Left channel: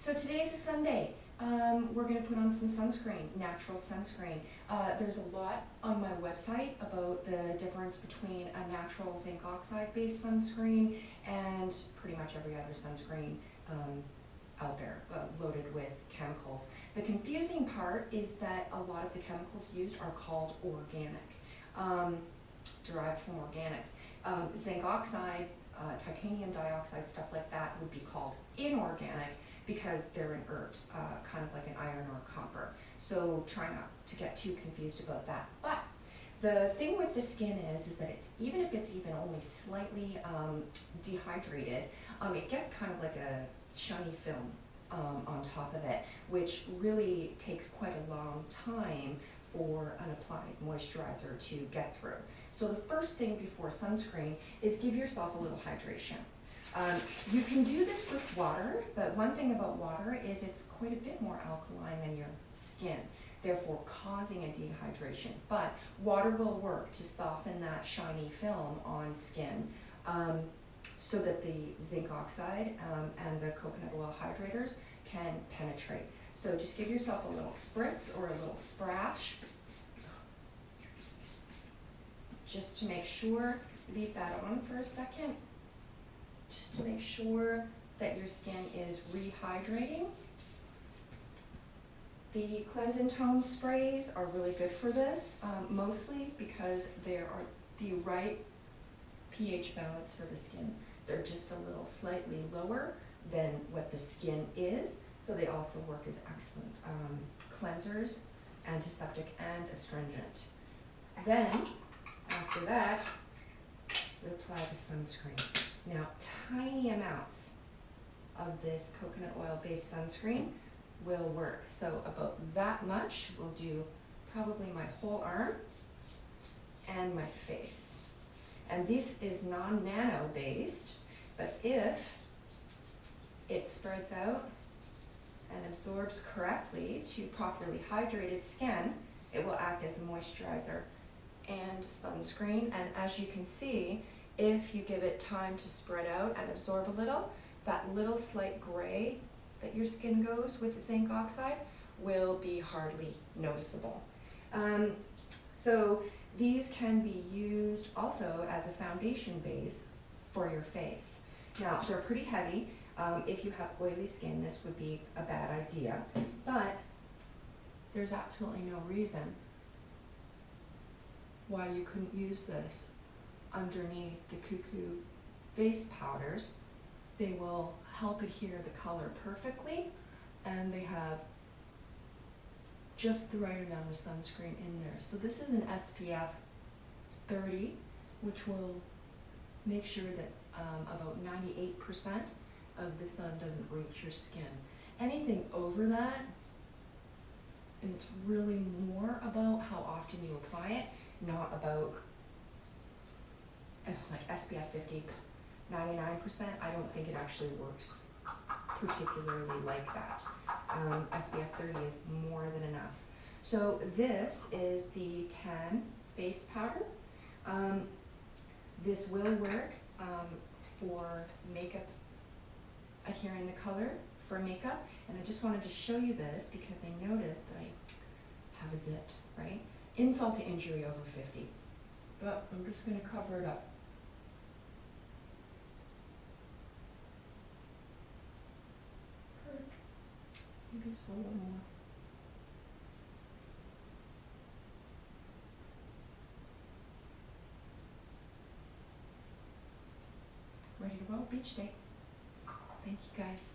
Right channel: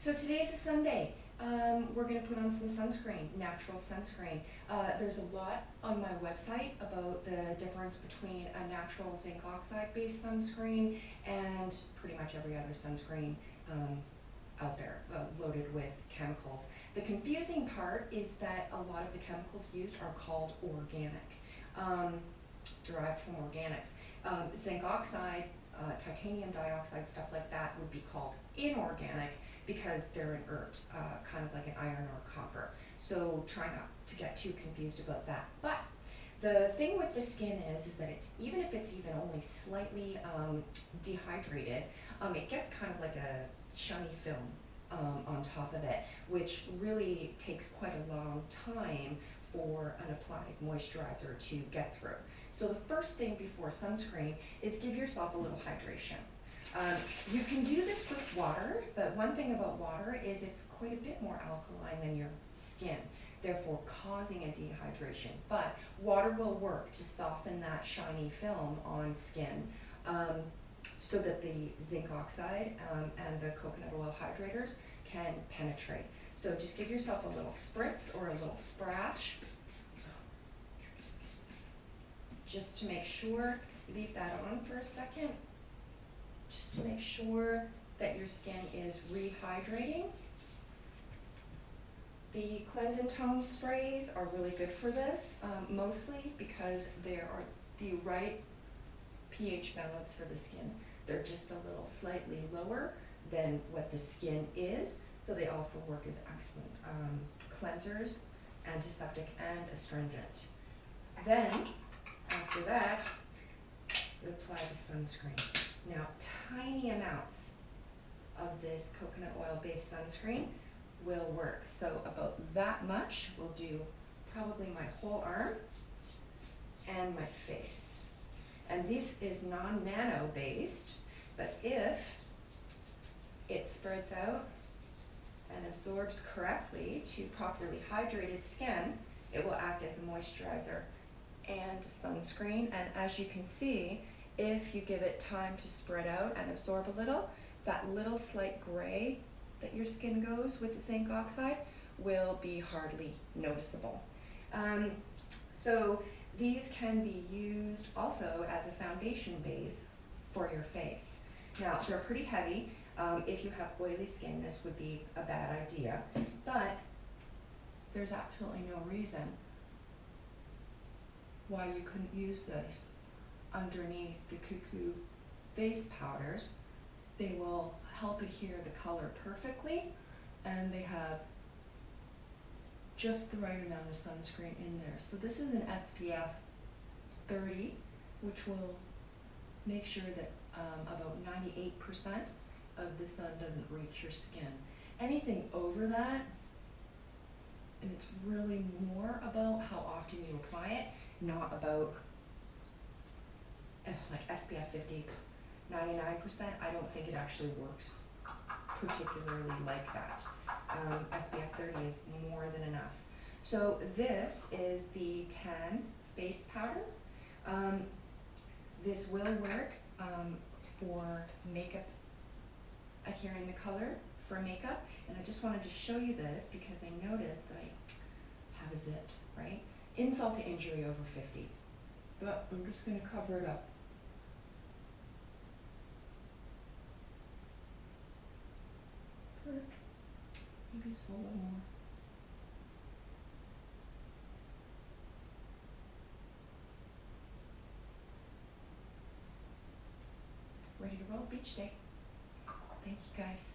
So today's a Sunday. We're going to put on some sunscreen, natural sunscreen. There's a lot on my website about the difference between a natural zinc oxide based sunscreen and pretty much every other sunscreen out there loaded with chemicals. The confusing part is that a lot of the chemicals used are called organic, derived from organics. Zinc oxide, titanium dioxide, stuff like that would be called inorganic because they're inert, kind of like an iron or copper. So try not to get too confused about that. But the thing with the skin is that it's even if it's even only slightly dehydrated, it gets kind of like a shiny film on top of it, which really takes quite a long time for an applied moisturizer to get through. So the first thing before sunscreen is give yourself a little hydration. You can do this with water, but one thing about water is it's quite a bit more alkaline than your skin, therefore causing a dehydration. But water will work to soften that shiny film on skin so that the zinc oxide and the coconut oil hydrators can penetrate. So just give yourself a little spritz or a little splash, just to make sure. Leave that on for a second, just to make sure that your skin is rehydrating. The cleanse and tone sprays are really good for this, mostly because they are the right pH balance for the skin. They're just a little slightly lower than what the skin is, so they also work as excellent cleansers, antiseptic, and astringent. Then, after that, we apply the sunscreen. Now, tiny amounts of this coconut oil-based sunscreen will work. So about that much will do probably my whole arm and my face. And this is non-nano based, but if it spreads out and absorbs correctly to properly hydrated skin, it will act as a moisturizer and sunscreen. And as you can see, if you give it time to spread out and absorb a little, that little slight gray that your skin goes with zinc oxide will be hardly noticeable. So these can be used also as a foundation base for your face. Now, they're pretty heavy. If you have oily skin, this would be a bad idea, but there's absolutely no reason why you couldn't use this underneath the cuckoo face powders. They will help adhere the color perfectly, and they have just the right amount of sunscreen in there. So this is an SPF 30, which will make sure that about 98% of the sun doesn't reach your skin. Anything over that, and it's really more about how often you apply it, not about like SPF 50, 99%, I don't think it actually works particularly like that. SPF 30 is more than enough. So this is the tan face powder. This will work for makeup, adhering the color for makeup. And I just wanted to show you this because I noticed that I have a zit, right? Insult to injury over 50. But I'm just going to cover it up. Maybe just a little more. Ready to roll? Beach day. Thank you guys.